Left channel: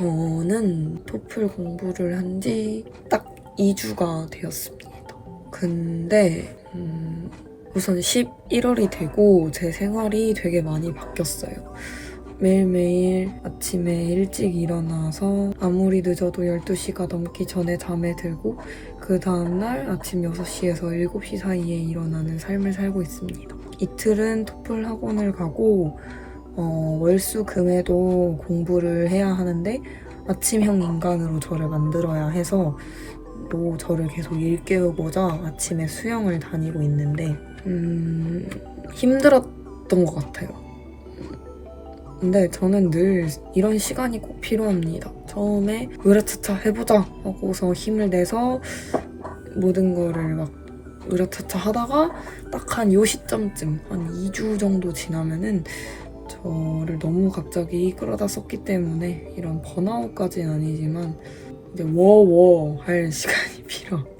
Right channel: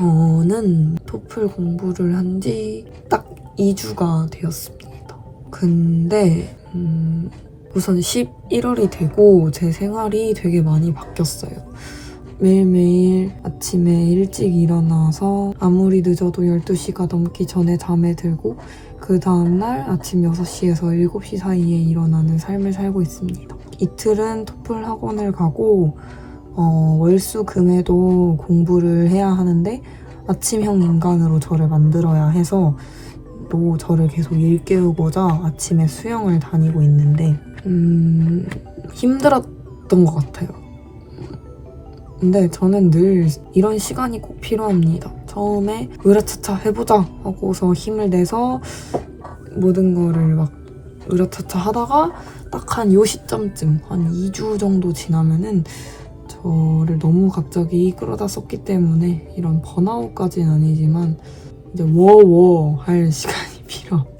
저는 토플 공부를 한 지 딱 2주가 되었습니다. 근데 우선 11월이 되고 제 생활이 되게 많이 바뀌었어요. 매일매일 아침에 일찍 일어나서 아무리 늦어도 12시가 넘기 전에 잠에 들고 그 다음날 아침 6시에서 7시 사이에 일어나는 삶을 살고 있습니다. 이틀은 토플 학원을 가고 월수금에도 공부를 해야 하는데 아침형 인간으로 저를 만들어야 해서 또 저를 계속 일깨우고자 아침에 수영을 다니고 있는데 힘들었던 것 같아요. 근데 저는 늘 이런 시간이 꼭 필요합니다. 처음에 으라차차 해보자 하고서 힘을 내서 모든 거를 막 으라차차 하다가 딱 한 요 시점쯤 한 2주 정도 지나면은 저를 너무 갑자기 끌어다 썼기 때문에 이런 번아웃까지는 아니지만 이제 워워 할 시간이 필요합니다.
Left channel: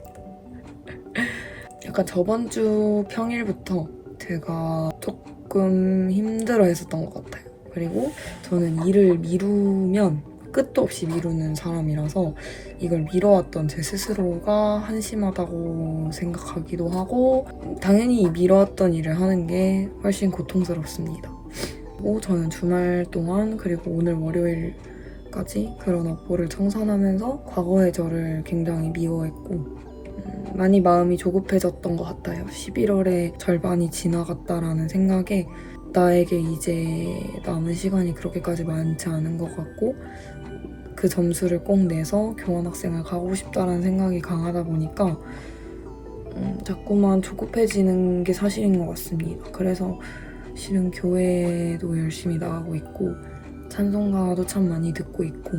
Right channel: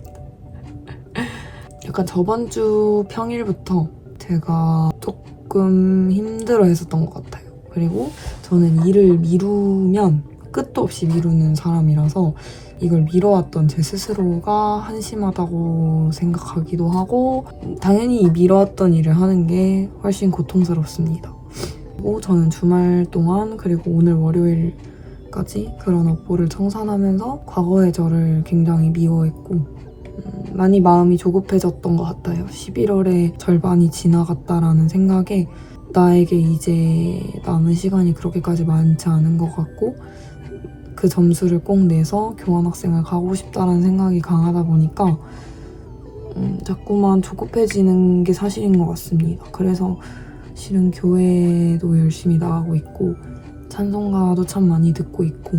약간 저번 주 평일부터 제가 조금 힘들어 했었던 것 같아요. 그리고 저는 일을 미루면 끝도 없이 미루는 사람이라서 이걸 미뤄왔던 제 스스로가 한심하다고 생각하기도 하고 당연히 이 미뤄왔던 일을 하는 게 훨씬 고통스럽습니다. 그리고 저는 주말 동안 그리고 오늘 월요일까지 그런 업보를 청산하면서 과거의 저를 굉장히 미워했고 많이 마음이 조급해졌던 것 같아요. 11월에 절반이 지나갔다라는 생각에 나에게 이제 남은 시간이 그렇게까지 많지 않은 것 같고 그 점수를 꼭 내서 교환학생을 가고 싶다는 생각이 강하다 보니까 자꾸만 조급해지는 게 사실인 것 같습니다. 그래서 실은 교회도 열심히 나가고 있고 찬송가도 참 많이 듣고 있고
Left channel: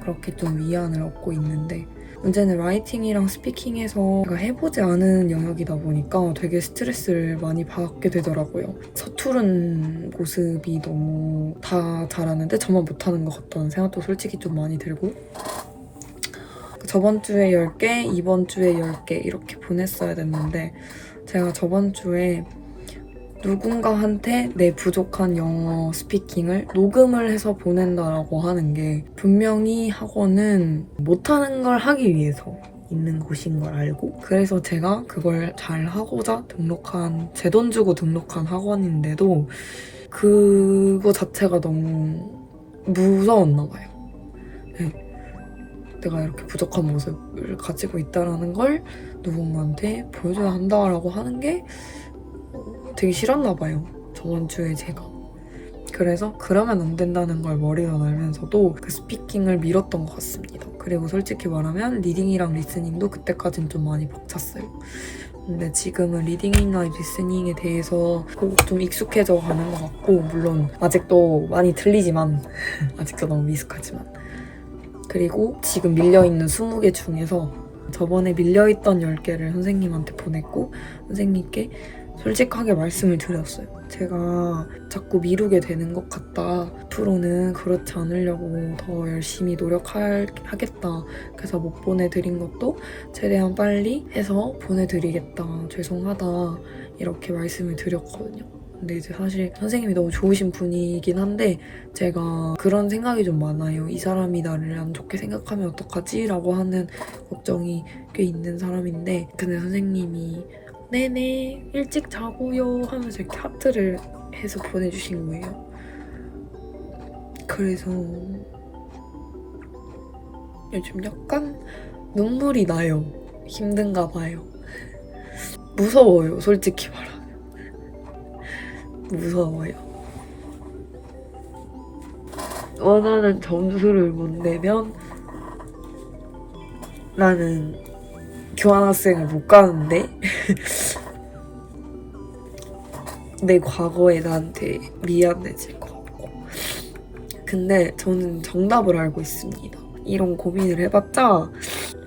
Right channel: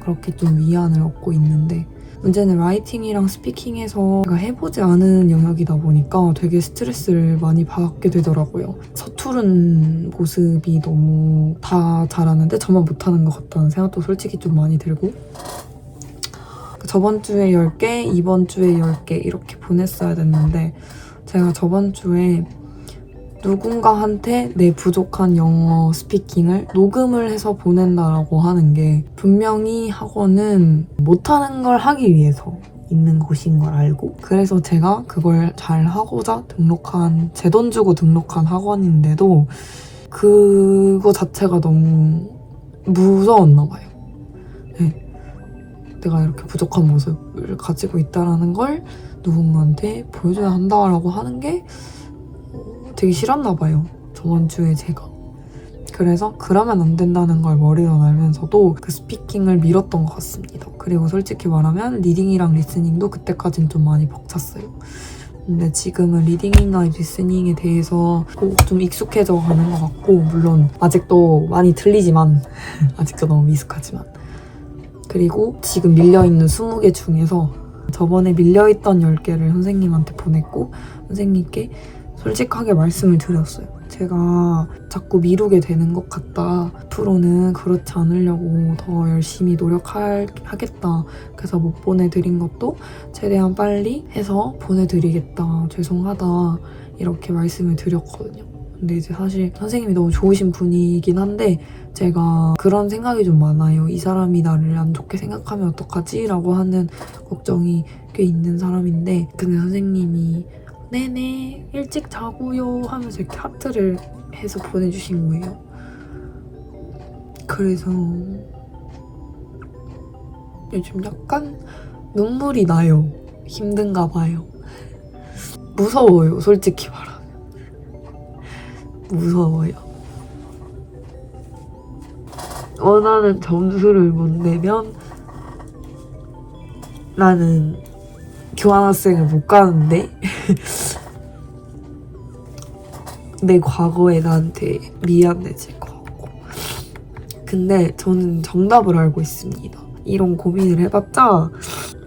그렇게 좀 위안을 얻고 있는데 문제는 라이팅이랑 스피킹에서 제가 해보지 않은 영역이다 보니까 되게 스트레스를 많이 받게 되더라고요. 서투른 모습이 너무 다 잘하는데 저만 못하는 것 같다는 생각도 솔직히 좀 많이 들고 저번 주에 10개, 이번 주에 10개 이렇게 보냈어야 됐는데 제가 저번 주에 누군가한테 내 부족한 영어 스피킹을 녹음을 해서 보낸다라고 하는 게 분명히 학원은 못하는 걸 하기 위해서 있는 곳인 걸 알고 그래서 제가 그걸 잘 하고자 등록한 제 돈 주고 등록한 학원인데도 그거 자체가 너무 무서웠나 봐요. 네. 내가 이렇게 부족한 모습을 가지고 있다는 걸 누군가한테 보여줘야 한다라고 하는 게 되게 싫었나 봐요. 저번 주에 제가. 그래서 그러면 안 된다는 걸 머리로 알면서도 그 스피킹을 미뤘던 것 같습니다. 그리고 솔직히 말하면 리딩이랑 리스닝도 그때까진 좀 많이 벅찼어요. 근데 지금은 리딩이나 리스닝에 대해서 좀 익숙해져 가는 것 같고 물론 아직도 많이 들리지만 아직도 너무 미숙하지만 그리고 지금 밀려있는 20개 중에서 저번에 밀려있던 10개를 선생님한테 보냈고 선생님께 솔직하게 말씀을 드렸어요. 제가 자꾸 미루게 되는 것 같다. 앞으로는 그렇지 않으려고 더 열심히 노력하겠다. 그래서 못 보내드린 것도 최대한 빨리 해서 보내드리겠다. 죄송하다. 이렇게 말씀을 드렸거든요. 근데 이제 사실 선생님이 너무 좋으신 분이긴 한데 제가 그런 생각이 좀 많아요. 이 사람이 나를 안 좋게 생각하면 어떡하지? 라고 하는 걱정이 꽤 있는 사람인데 근데 선생님이 네네 일찍 자고요 하면서 이렇게 하트를 해서 보내주신 거예요. 그래서 요즘 약간 눈물이 나요. 힘든가 봐요. 무서워요. 솔직히 말하면. 무서워요. 원하는 점수를 못 내면 나는 교환학생을 못 가는데 내 과거에 나한테 미안해질 것 같고 근데 저는 정답을 알고 있습니다. 이런 고민을 해봤자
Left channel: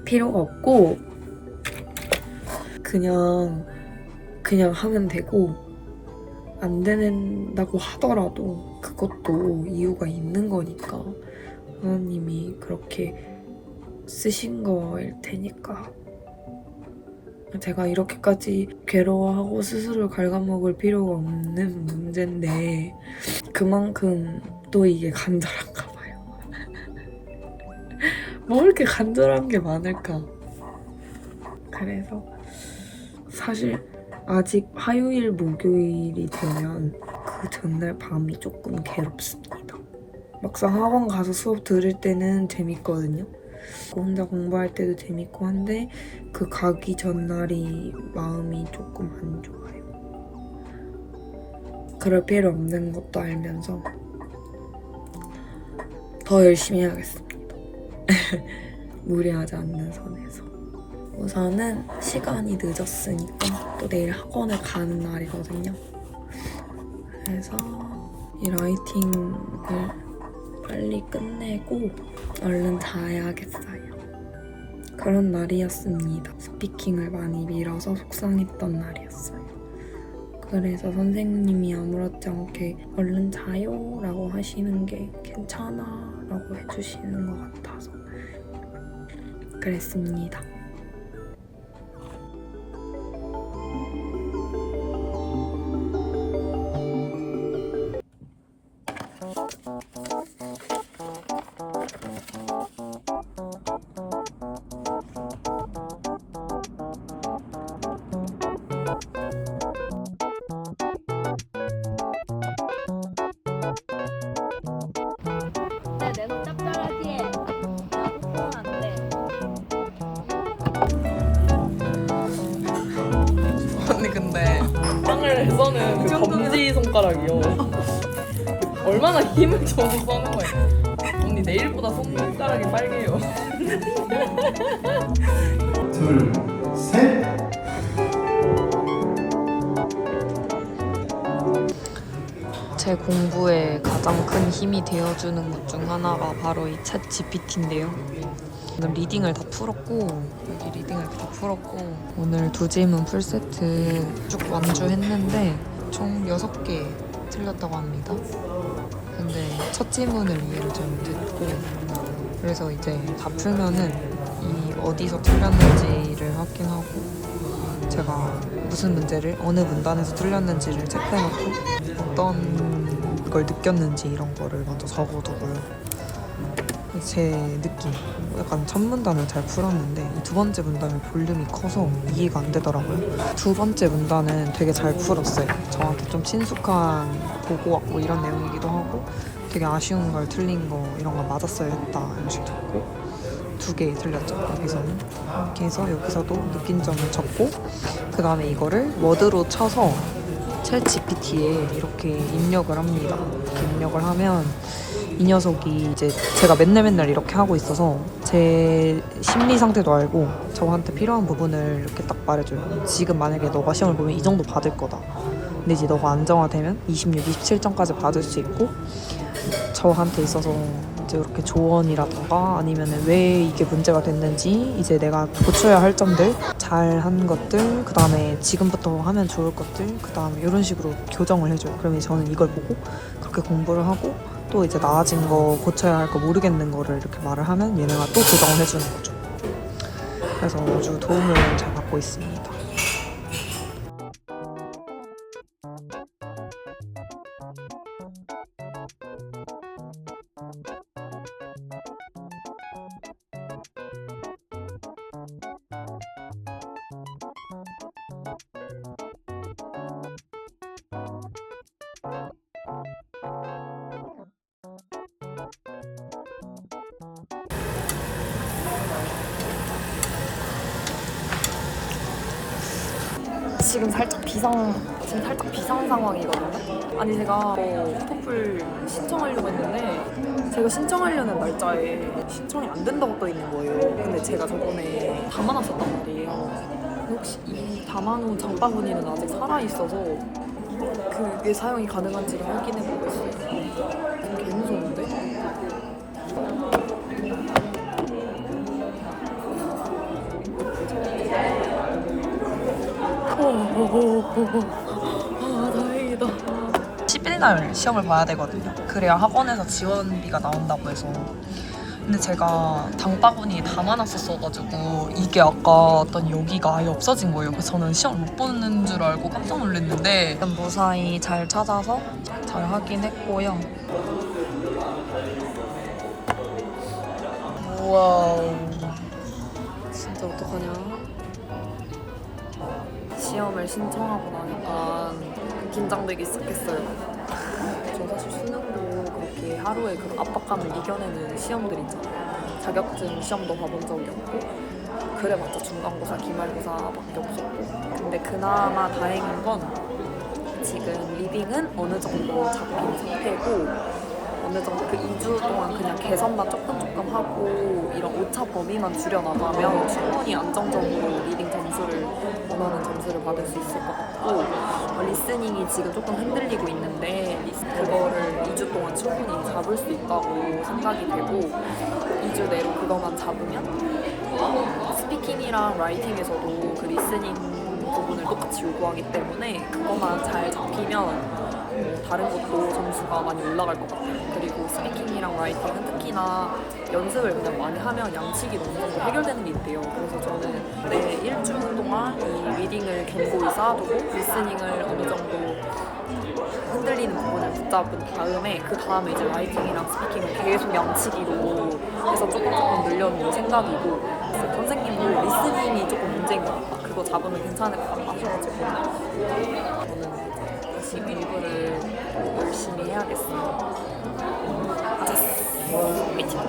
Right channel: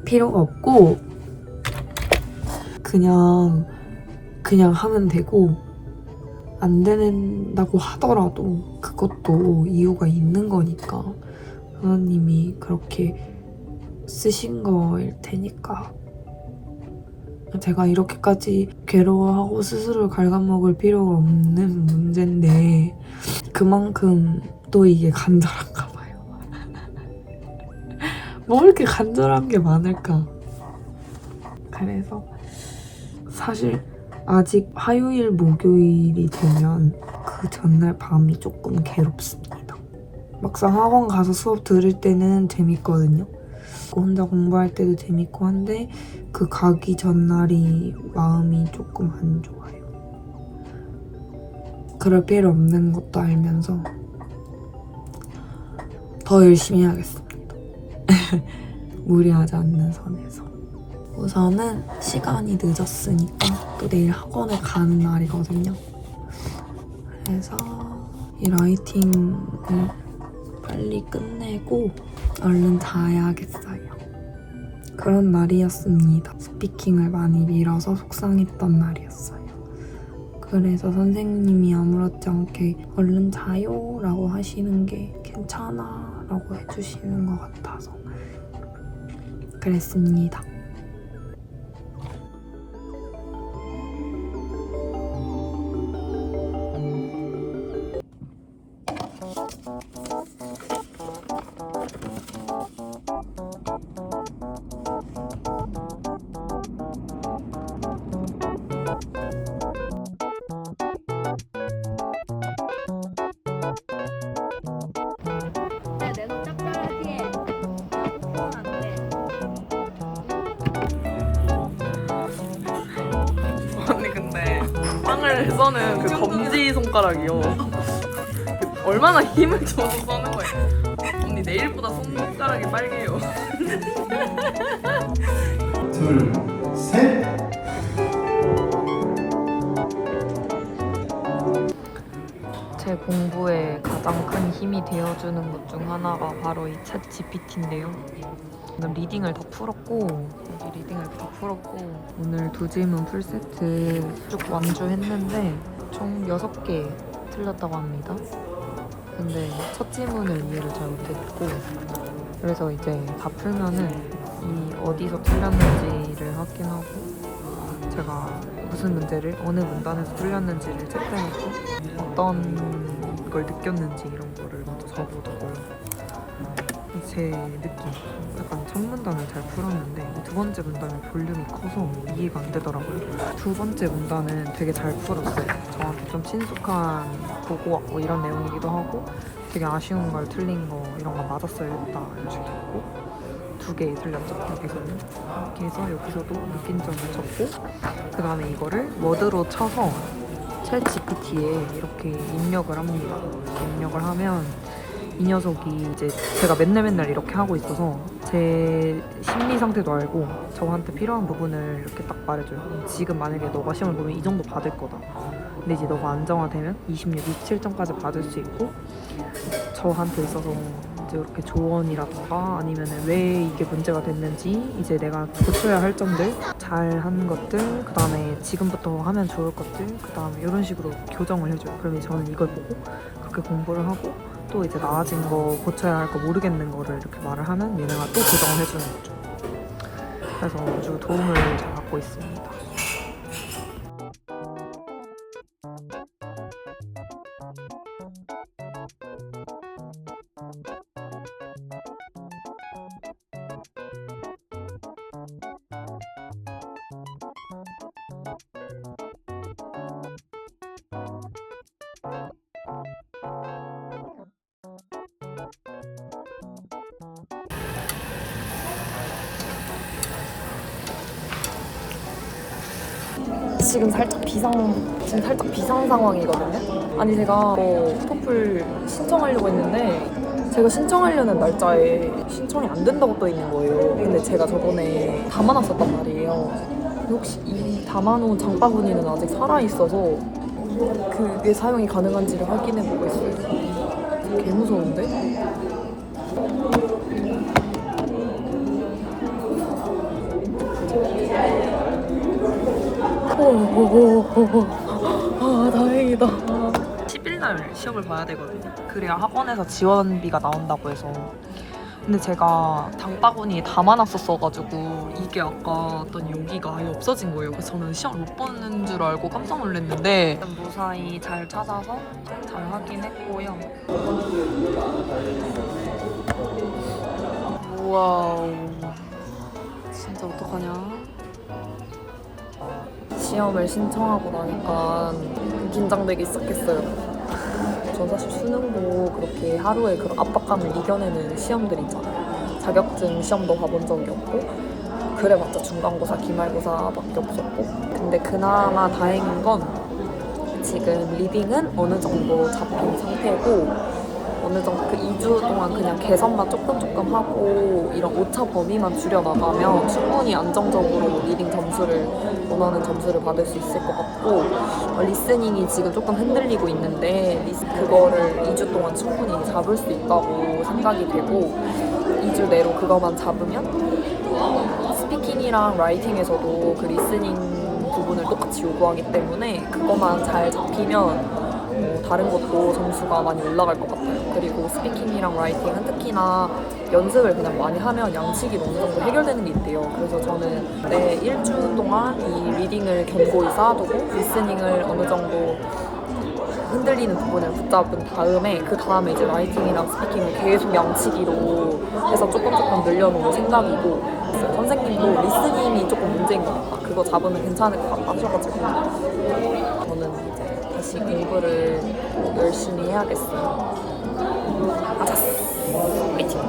필요가 없고 그냥 하면 되고 안 된다고 하더라도 그것도 이유가 있는 거니까 하나님이 그렇게 쓰신 거일 테니까 제가 이렇게까지 괴로워하고 스스로 갉아먹을 필요가 없는 문제인데 그만큼 또 이게 간절한가 봐요. 뭐 이렇게 간절한 게 많을까. 그래서 사실 아직 화요일, 목요일이 되면 그 전날 밤이 조금 괴롭습니다. 막상 학원 가서 수업 들을 때는 재밌거든요. 혼자 공부할 때도 재밌고 한데 그 가기 전날이 마음이 조금 안 좋아요. 그럴 필요 없는 것도 알면서 더 열심히 해야겠습니다. 무리하지 않는 선에서. 우선은 시간이 늦었으니까 또 내일 학원을 가는 날이거든요. 그래서 이 라이팅을 빨리 끝내고 얼른 자야겠어요. 그런 날이었습니다. 스피킹을 많이 미뤄서 속상했던 날이었어요. 그래서 선생님이 아무렇지 않게 얼른 자요 라고 하시는 게 괜찮아 라고 해주시는 것 같아서 그랬습니다. 내 손 짭짤하게 해. 안 돼. 언니 근데 빵을 써는 그 검지 손가락이요. 얼마나 힘을 줘서 써는 거예요. 언니 내일보다 손가락이 빨개요. 둘, 셋. 제 공부에 가장 큰 힘이 되어주는 것 중 하나가 바로 이 챗 GPT인데요. 오늘 리딩을 다 풀었고 여기 리딩을 이렇게 다 풀었고 오늘 두 질문 풀세트 쭉 완주했는데 총 6개 틀렸다고 합니다. 근데 첫 질문을 이해를 잘 못했고 그래서 이제 다 풀면은 이 어디서 틀렸는지를 확인하고 제가 무슨 문제를 어느 문단에서 틀렸는지를 체크해놓고 어떤 걸 느꼈는지 이런 거를 먼저 적어두고요. 제 느낌, 약간 첫 문단을 잘 풀었는데 두 번째 문단은 볼륨이 커서 이해가 안 되더라고요. 두 번째 문단은 되게 잘 풀었어요. 저한테 좀 친숙한 고고학 뭐 이런 내용이기도 하고 되게 아쉬운 걸 틀린 거 이런 거 맞았어야 했다 이런 식으로 적고 2개 틀렸죠, 여기서는. 이렇게 해서 여기서도 느낀 점을 적고 그 다음에 이거를 워드로 쳐서 챗 GPT에 이렇게 입력을 합니다. 이렇게 입력을 하면 이 녀석이 이제 제가 맨날 이렇게 하고 있어서 제 심리 상태도 알고 저한테 필요한 부분을 이렇게 딱 말해줘요. 지금 만약에 너가 시험을 보면 이 정도 받을 거다. 근데 이제 너가 안정화되면 26, 27점까지 받을 수 있고 저한테 있어서 이제 이렇게 조언이라던가 아니면 왜 이게 문제가 됐는지 이제 내가 고쳐야 할 점들 잘한 것들 그 다음에 지금부터 하면 좋을 것들 그 다음에 이런 식으로 교정을 해줘요. 그러면 저는 이걸 보고 그렇게 공부를 하고 또 이제 나아진 거 고쳐야 할 거 모르겠는 거를 이렇게 말을 하면 얘네가 또 교정을 해주는 거죠. 그래서 아주 도움을 잘 받고 있습니다. 지금 살짝 비상 상황이거든요. 아니 제가 토플 신청하려고 했는데 제가 신청하려는 날짜에 신청이 안 된다고 떠 있는 거예요. 근데 제가 저번에 담아놨었단 말이에요. 혹시 이 담아놓은 장바구니는 아직 살아있어서 그게 사용이 가능한지를 확인해보고 있어요. 개 무서운데? 아 다행이다. 10일 날 시험을 봐야 되거든요. 그래야 학원에서 지원비가 나온다고 해서. 근데 제가 장바구니에 담아놨었어가지고 이게 아까 어떤 여기가 아예 없어진 거예요. 그래서 저는 시험을 못 보는 줄 알고 깜짝 놀랐는데 무사히 잘 찾아서 잘 확인했고요. 와우. 진짜 어떡하냐? 시험을 신청하고 나니까 긴장되기 시작했어요. 전 사실 수능도 그렇게 하루에 그런 압박감을 이겨내는 시험들 있잖아요. 자격증 시험도 봐본 적이 없고 그래봤자 중간고사, 기말고사밖에 없었고 근데 그나마 다행인 건 지금 리딩은 어느 정도 잡힌 상태고 어느 정도 그 2주 동안 그냥 개선만 조금 하고 이런 오차 범위만 줄여나가면 충분히 안정적으로 리딩 점수를 원하는 점수를 받을 수 있을 것 같고 리스닝이 지금 조금 흔들리고 있는데 그거를 2주 동안 충분히 잡을 수 있다고 생각이 되고 2주 내로 그거만 잡으면 스피킹이랑 라이팅에서도 그 리스닝 부분을 똑같이 요구하기 때문에 그것만 잘 잡히면 다른 것도 점수가 많이 올라갈 것 같아요. 그리고 스피킹이랑 라이팅은 특히나 연습을 그냥 많이 하면 양치기도 어느 정도 해결되는 게 있대요. 그래서 저는 내 1주 동안 이 리딩을 견고히 쌓아두고 리스닝을 어느 정도 흔들리는 부분을 붙잡은 다음에 그 다음에 이제 라이팅이랑 스피킹을 계속 양치기로 해서 조금 늘려놓을 생각이고 선생님도 리스닝이 조금 문제인 것 같다. 그거 잡으면 괜찮을 것 같다 하셔가지고 저는 이제 다시 공부를 열심히 해야겠어요. 아자스! 화이팅!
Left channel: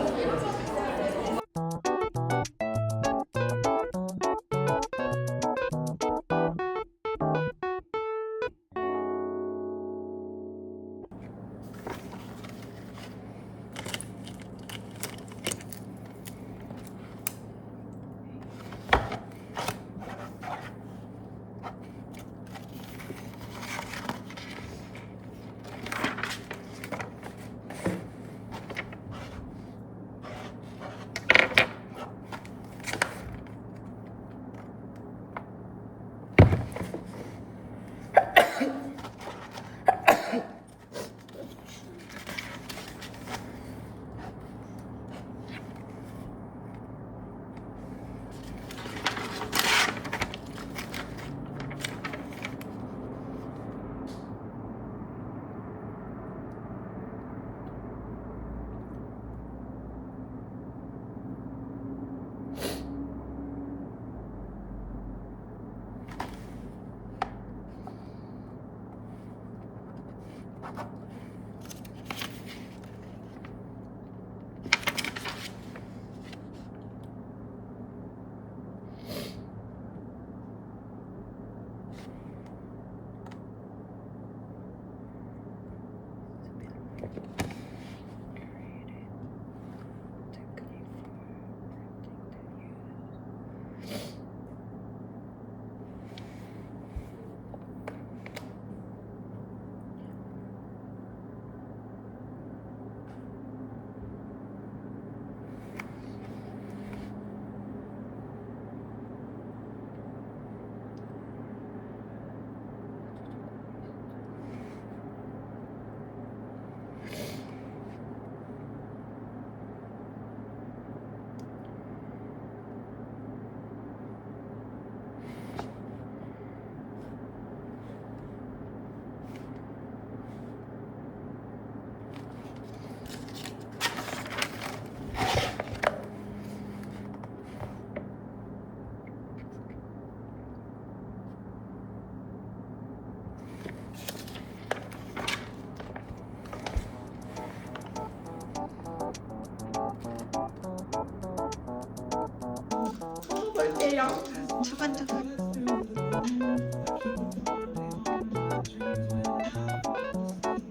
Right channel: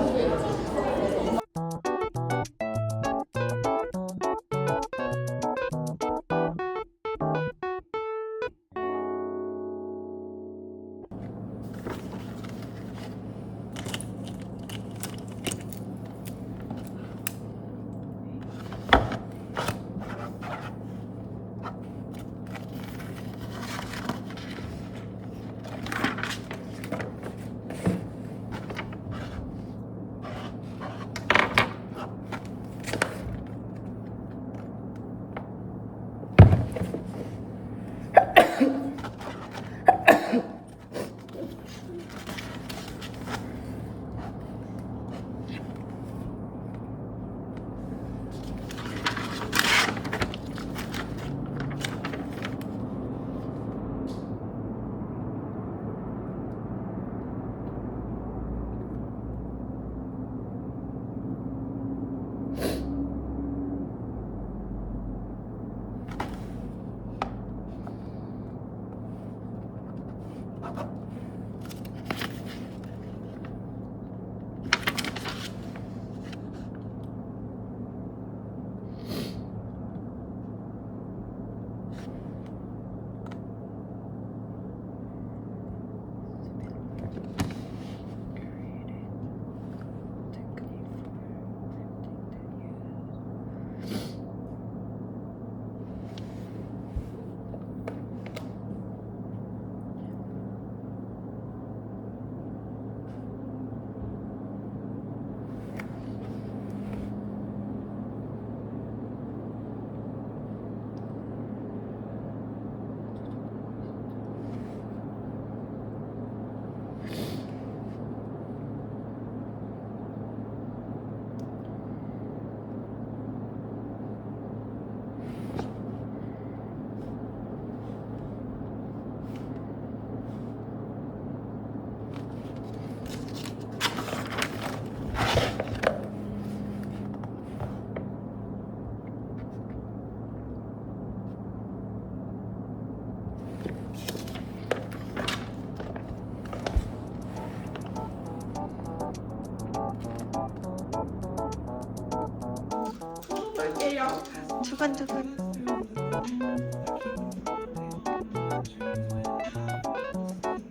두근두근.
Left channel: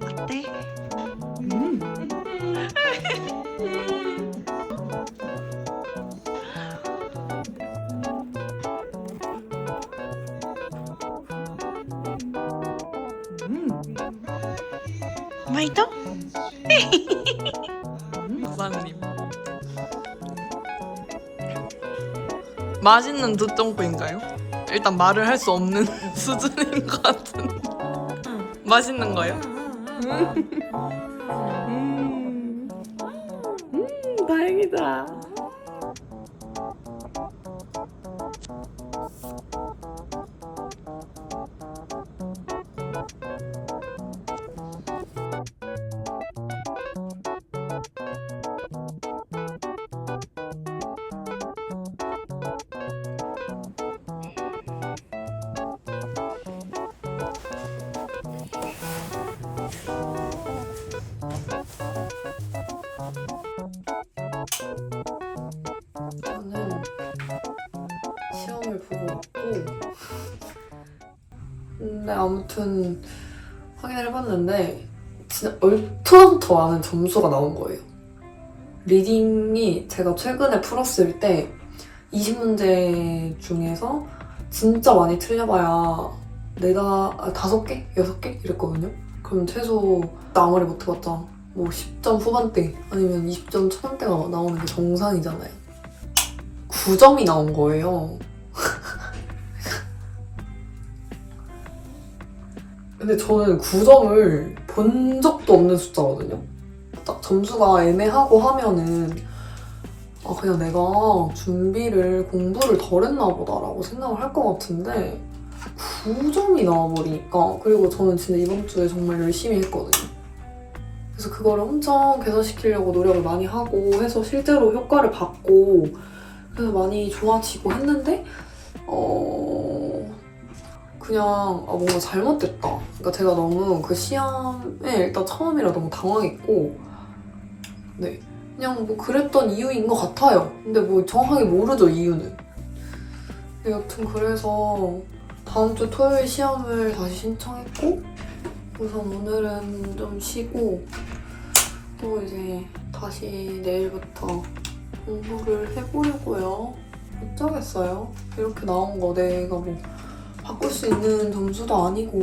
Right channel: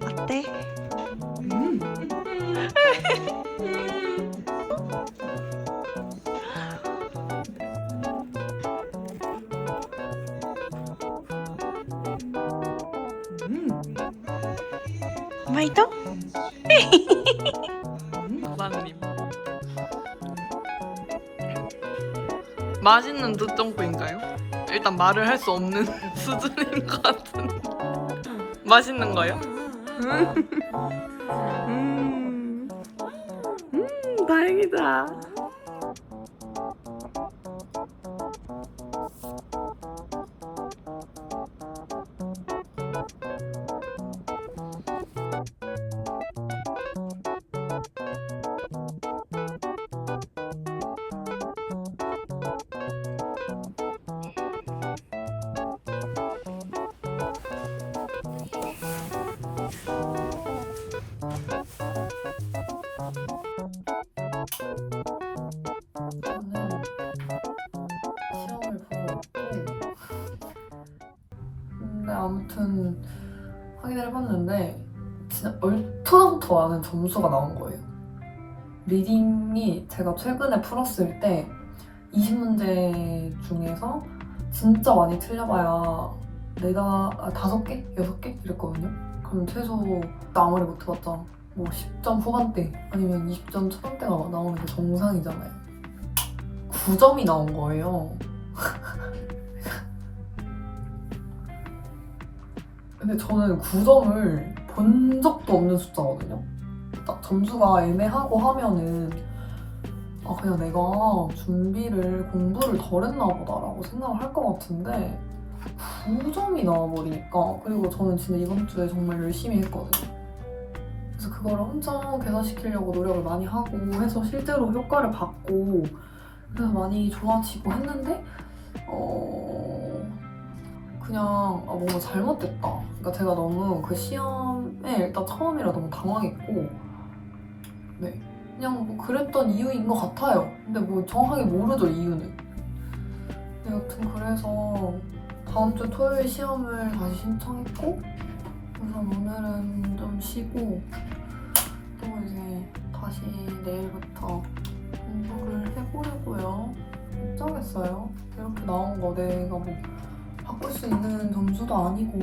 어때? 맛있어? 사장님 맛있는 두쫑구인가요? 일단 말을 할 수 없는 수준인 것 같은데 맛있는 거요? 다행이다. 아무튼 확인을 해봤는데 진짜 얼토당토 않은 점수가 나온 거예요. 리딩이 제가 최근에 풀었을 때 20문제 중에서 진짜 많이 틀려봐야 5개? 6개? 이랬거든요. 그럼 최소 아무리 못해봤자 뭐 10점 후반대 아니면 20점 초반대가 나오는 게 정상이잖아요. 9점이 나온 거예요. 근데 저는 9점을 본 적도 없는 숫자거든요. 딱 점수가 애매하고 하면은 그냥 내가 공부를 덜 했나 보다라고 생각을 할 것 같은데 9점이 나와버리니까. 그리고 저는 진짜 이번 주에 정말 열심히 했거든요. 그래서 그걸 엄청 개선시키려고 노력을 많이 하고 해서 실제로 효과를 봤고 그래서 많이 좋아지고 했는데 그냥 뭔가 잘못됐다. 그러니까 제가 너무 그 시험에 일단 처음이라 너무 당황했고 네 그냥 뭐 그랬던 이유인 것 같아요. 근데 뭐 정확하게 모르죠, 이유는. 근데 여튼 그래서 다음 주 토요일 시험을 다시 신청했고 우선 오늘은 좀 쉬고 또 이제 다시 내일부터 공부를 해보려고요. 어쩌겠어요. 이렇게 나온 거 내가 뭐 바꿀 수 있는 점수도 아니고.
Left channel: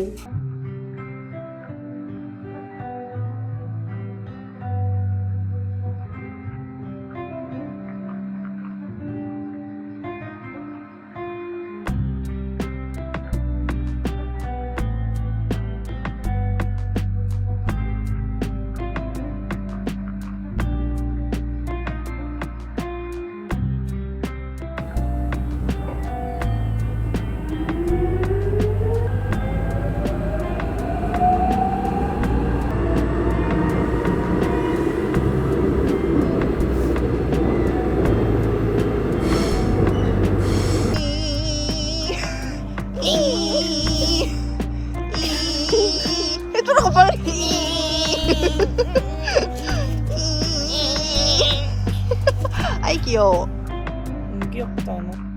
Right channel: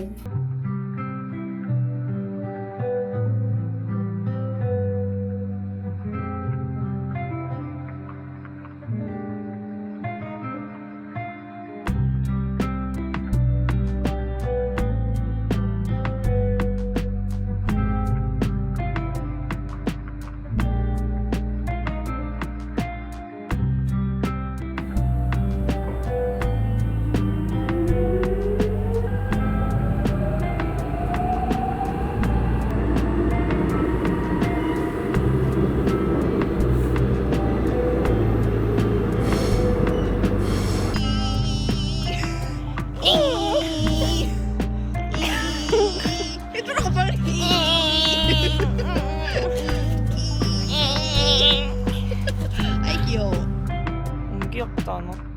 해주라고 빨리. 아이 귀여워. 안 귀엽지 않아?